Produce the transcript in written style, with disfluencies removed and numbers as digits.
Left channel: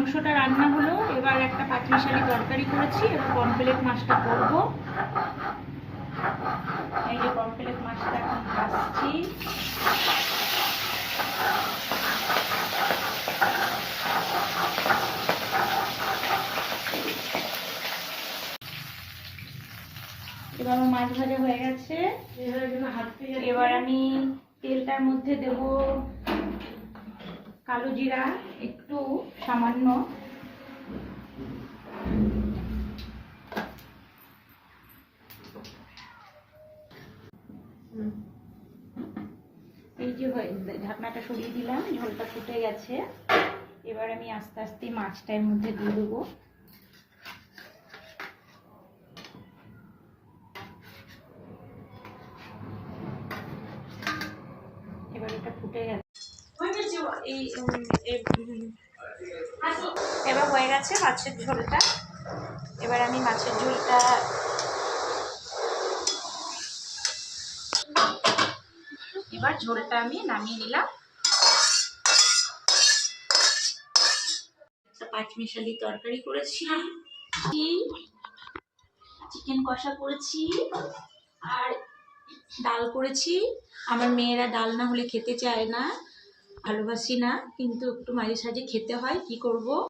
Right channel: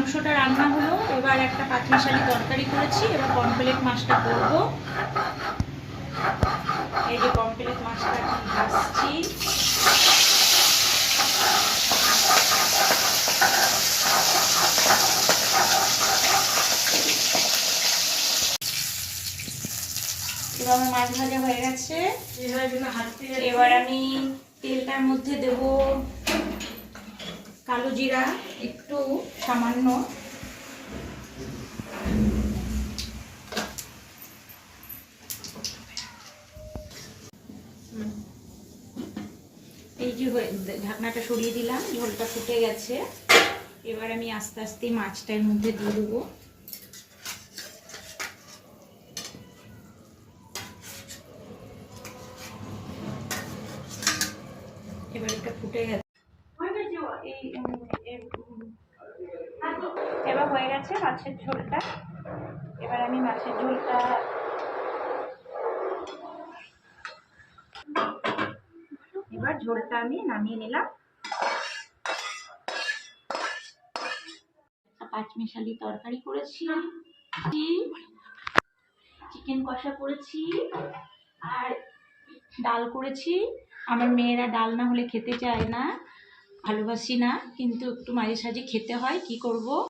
মাংসটা রান্না হলো, এবার একটা পাঁচমিশালি তরকারি করেছি, এবার পমফ্রেট মাছটা করব। এই যে পমফ্রেট মাছটা ভাজছি। এবার আমার মাছ ভাজা হয়ে গেছে। এবার আমি তেলটার মধ্যে দেব কালো জিরা একটু সামান্য, এই যে ঢাকনাটা সরিয়ে দিলাম, ঝোলটা ফুটে গেছে। এবার আমি আস্তে আস্তে মাছটা এর মধ্যে দিয়ে দেবো। এবার এটা ফুটে গেছে, এবার হয়ে গেছে মাছের ঝোলটা। এবার আমি মাছের ঝোলটা আমি নামিয়ে নিলাম। পাঁচমিশালি তরকারি করেছি, চিকেন কষা করেছি, আর ডাল করেছি। আমার মেয়েরা ডাল না হলে খেতে চায় না, ভালোবাসি না, কিন্তু একটু মাঝে সাঝে খেতে হয়, কি করব।